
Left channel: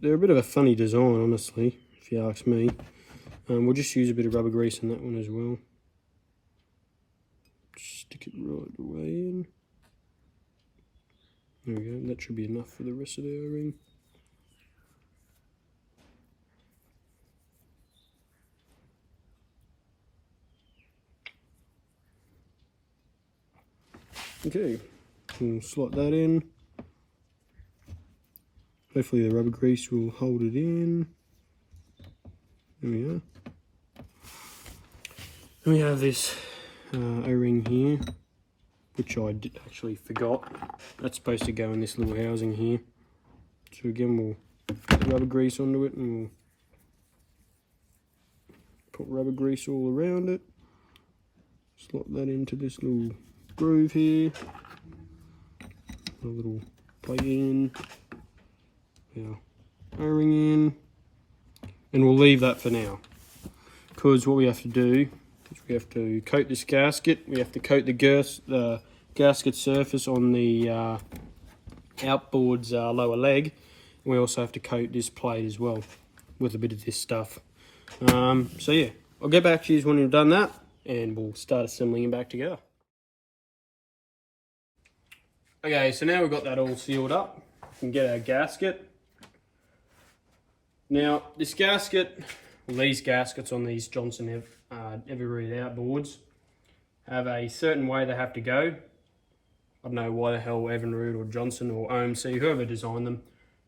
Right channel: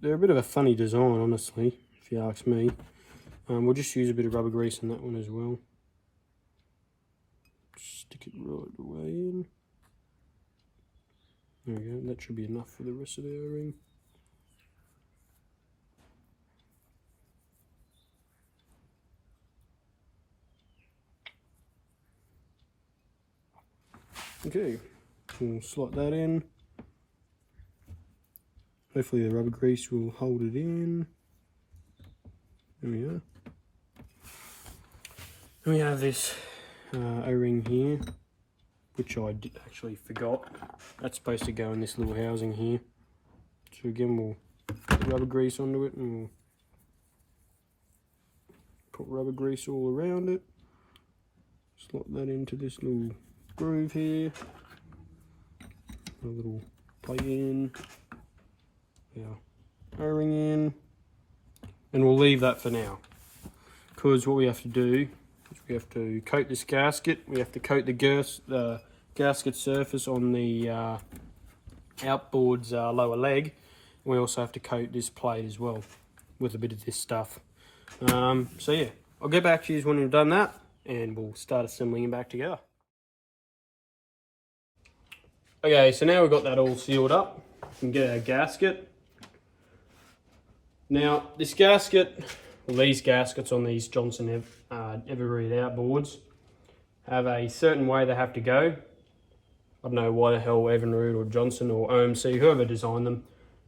They're a bit of a funny design, honestly, if you ask me. We'll just use a bit of rubber grease on that one as well. Stick it right away in. There we go, that should be enough for the rest of the O-ring. Okay, we'll slot that in. Hopefully the rubber grease will hold it in. There we are. Then we have this O-ring here, which I actually forgot. That's supposed to go in this little housing here. So again, we'll put rubber grease onto it and we'll put rubber grease all around it. Slot that into this little groove here. a little plate in, our O-ring in, and we'll leave that for now. Because what we have to do is we have to coat this gasket, we have to coat the gasket surface on the outboard's lower leg. We also have to coat this plate as well with a bit of this stuff. So yeah, I'll get back to you when we've done that and we'll start assembling it back together. Okay, so now we've got that all sealed up, we can get our gasket. Now this gasket, well, these gaskets on these Johnson Everreed outboards have a certain way they have to go. I don't know why the hell Evinrude or Johnson or OMC, whoever designed them,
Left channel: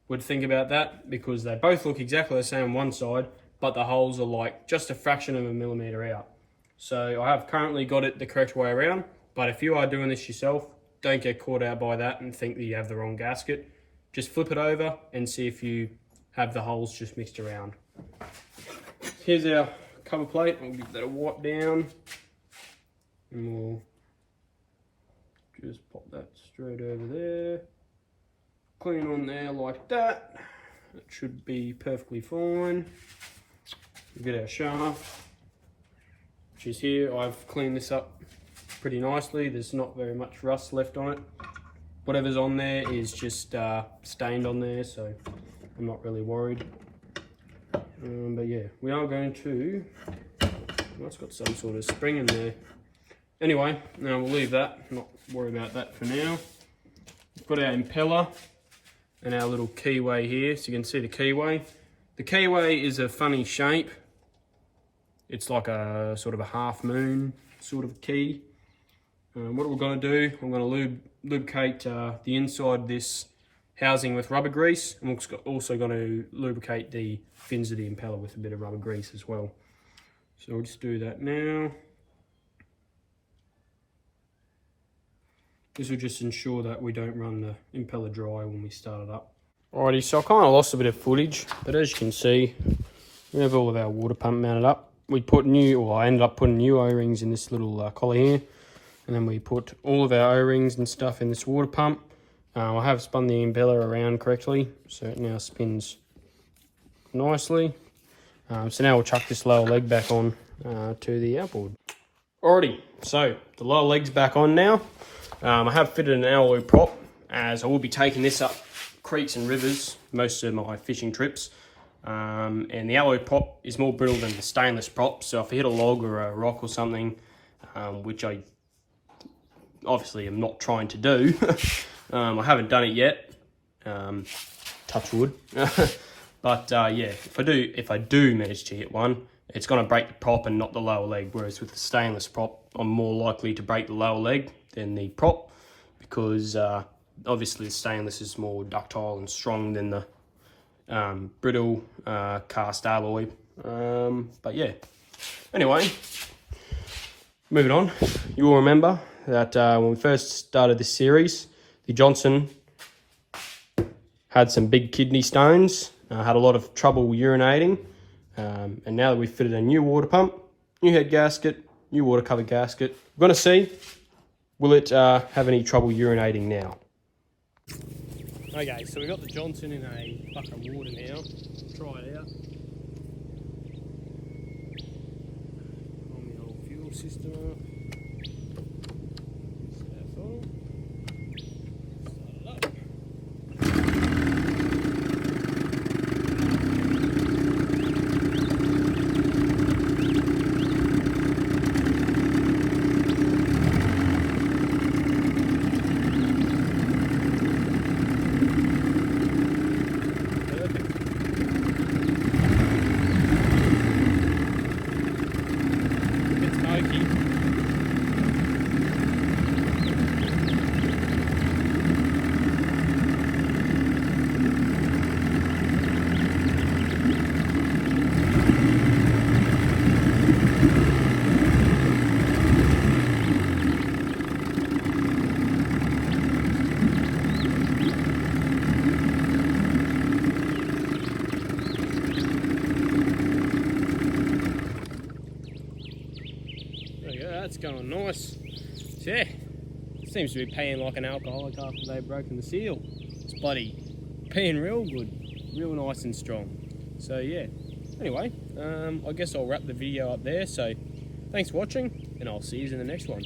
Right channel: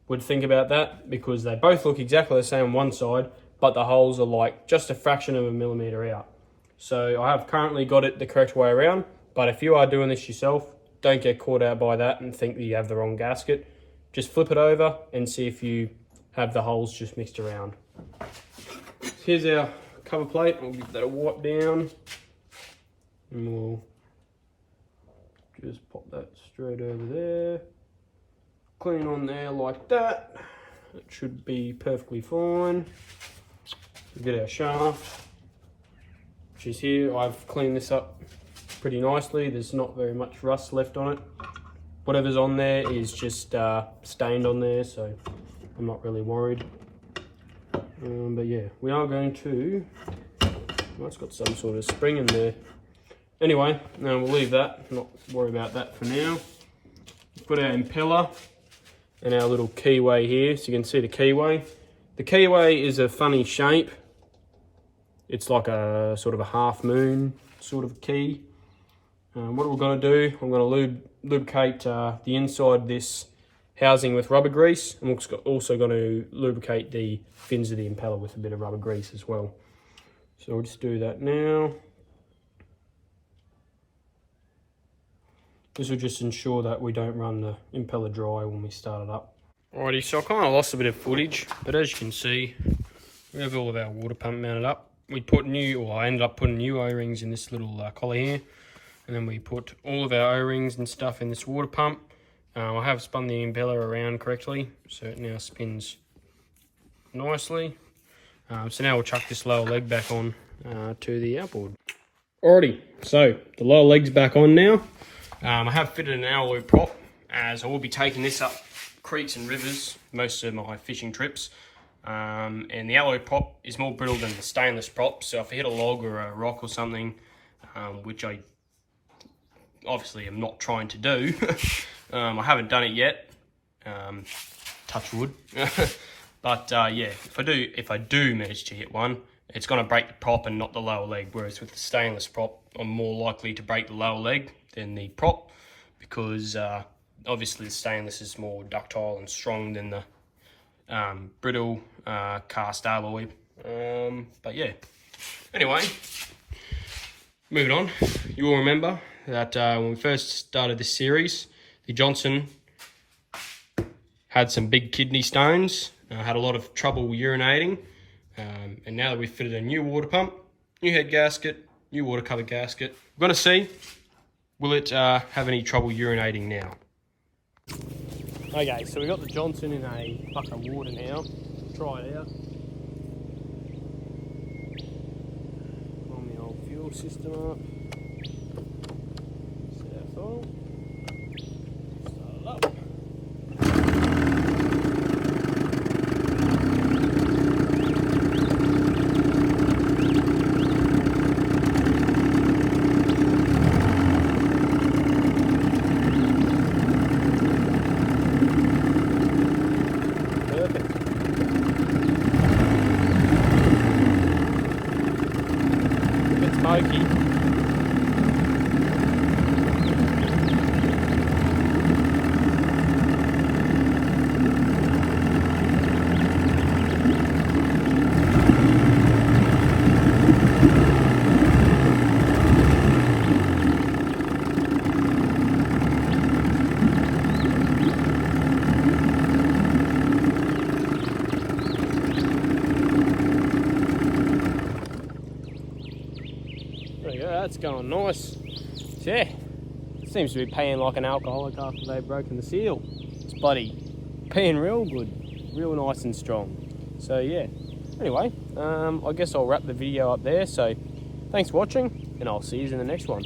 would think about that, because they both look exactly the same on one side, but the holes are like just a fraction of a millimetre out. So I have currently got it the correct way around, but if you are doing this yourself, don't get caught out by that and think that you have the wrong gasket. Just flip it over and see if you have the holes just mixed around. Here's our cover plate. I'll give that a wipe down and we'll just pop that straight over there. Clean on there like that. It should be perfectly fine. We'll get our shaft, which is here. I've cleaned this up pretty nicely. There's not very much rust left on it. Whatever's on there is just stained on there, so I'm not really worried. But yeah, we are going to, well, it's got some sort of spring in there. Anyway, now we'll leave that, not worry about that for now. Put our impeller and our little keyway here, so you can see the keyway. The keyway is a funny shape. It's like a sort of a half moon sort of key. What we're going to do, I'm going to lubricate the inside of this housing with rubber grease. I'm also going to lubricate the fins of the impeller with a bit of rubber grease as well. So we'll just do that now. This will just ensure that we don't run the impeller dry when we start it up. Alrighty, so I kind of lost a bit of footage, but as you can see, we have all of our water pump mounted up. I ended up putting new O-rings in this little collar here, and then we put all of our O-rings and stuff in this water pump. I have spun the impeller around correctly, so it now spins nicely. So now we'll chuck this lower leg back on to the outboard. Alrighty, so the lower leg's back on now. I have fitted an alloy prop, as I will be taking this up creeks and rivers most of my fishing trips. And the alloy prop is more brittle than the stainless prop, so if I hit a log or a rock or something, which I obviously am not trying to do, I haven't done it yet, touch wood. But yeah, if I do manage to hit one, it's going to break the prop and not the lower leg, whereas with the stainless prop, I'm more likely to break the lower leg than the prop, because obviously the stainless is more ductile and strong than the brittle cast alloy. But yeah, anyway, moving on. You will remember that when we first started this series, the Johnson had some big kidney stones, had a lot of trouble urinating, and now that we've fitted a new water pump, new head gasket, new water cover gasket, we're going to see, will it have any trouble urinating now? Okay, so we got the Johnson in a bucket of water now. Try it out. On the old fuel system up. Set our throttle. Start it up. There you go, that's going nice. Yeah, seems to be peeing like an alcoholic after they've broken the seal. It's bloody peeing real good, real nice and strong. So yeah, anyway, I guess I'll wrap the video up there. So thanks for watching, and I'll see you in the next one.